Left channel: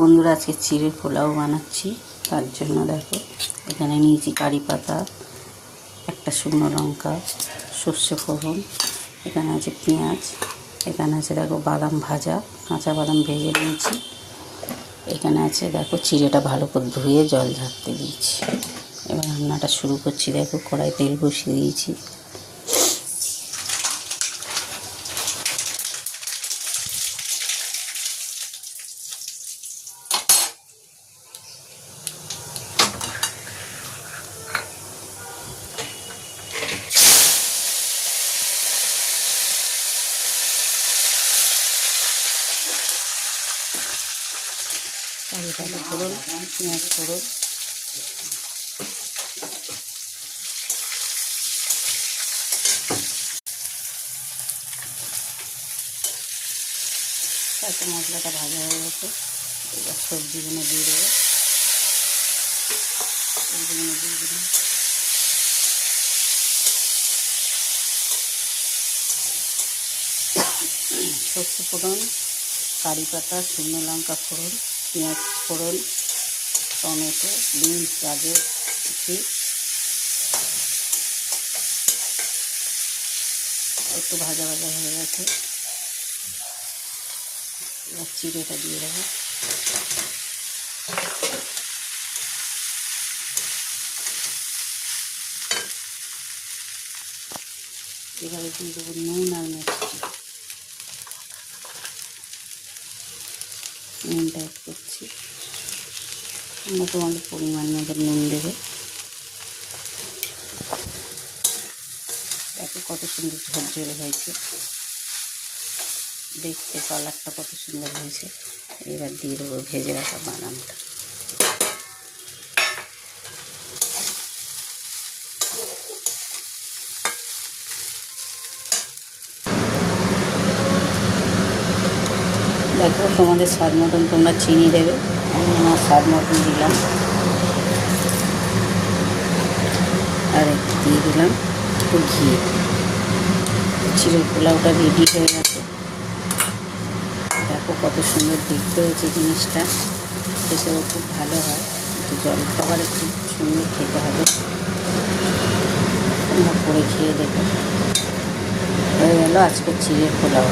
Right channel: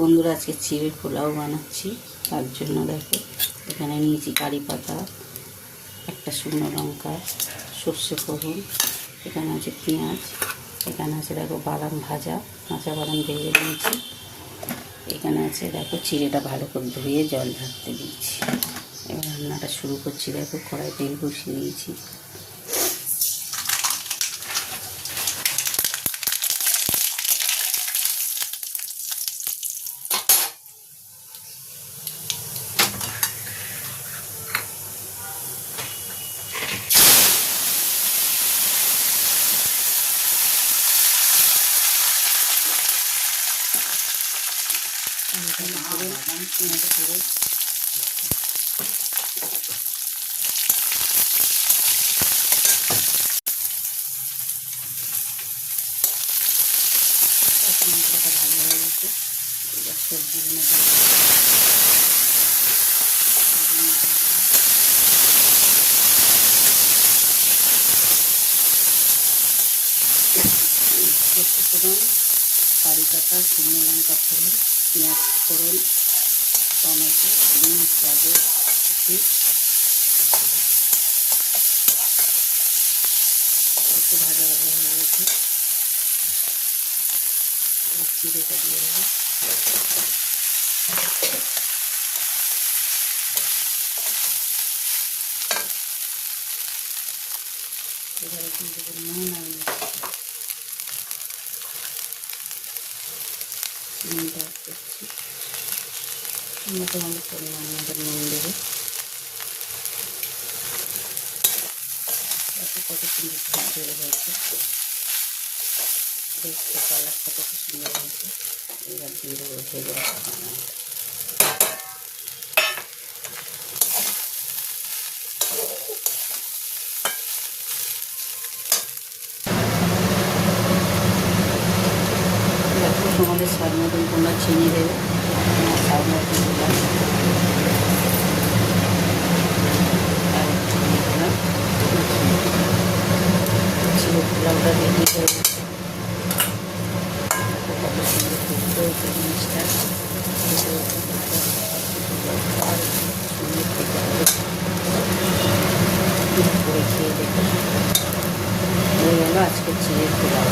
বন্ধুরা, আজকে চিড়ের পোলাও বানাচ্ছি। তার জন্য দেখো, এখানে নিয়েছি কারি পাতা, একটা শুকনো লঙ্কা, সর্ষে ফোড়ন, এখানে আছে পেঁয়াজ, এখানে আছে দেখো বাদাম ভাজা, কাঁচা বাদাম ভেজে নিয়েছি। এখানে আছে দেখো চিড়েটা ভালো করে ধুয়ে জল ঝাড়তে দিয়েছি। এবার রান্নাটা শুরু করছি। দেখো কড়াই তেল বসিয়ে দিয়েছি। ফোড়ন, পেঁয়াজ ফোড়ন, মশলাটা ভালো হয়ে গেছে। এবার সবজিগুলো দিয়ে দেবো। সর্ষে ফোড়ন, কারি পাতা, শুকনো লঙ্কা ফোড়ন, পেঁয়াজ ফোড়ন, টমেটো, বিনস, গাজর কুচি একটু ভাজা ভাজা হয়ে গেছে। এবার চিড়েটা দিয়ে দেবো। এবারে দিয়ে দেবো নুন আর মিষ্টি। নুনটা অ্যাড করছি। তোমাদের পরিমাণ মতো নুন দেবো। দেখো কত সুন্দর ঝরঝরে হয়েছে, দেখতে কালারটা কত সুন্দর হয়েছে। এবার দিয়ে দেবো ভেজে রাখা বাদামটা। দেখো তোমাদের স্বাদ মতন তোমরা চিনি দেবে, আমার স্বাদ মতন দিলাম। আর একটু দিয়ে দিলাম ঘি। চিড়ের পোলাওটা রেডি হয়ে গেছে। দেখো কত সুন্দর দেখতে হয়েছে জিনিসটা, খেতেও খুব ভালো হয়। একটু জল খাবারে খুব সুন্দর খেতে হবে। করে খেয়ে দেবো। হয়ে গেলো আজকে চিড়ের পোলাও।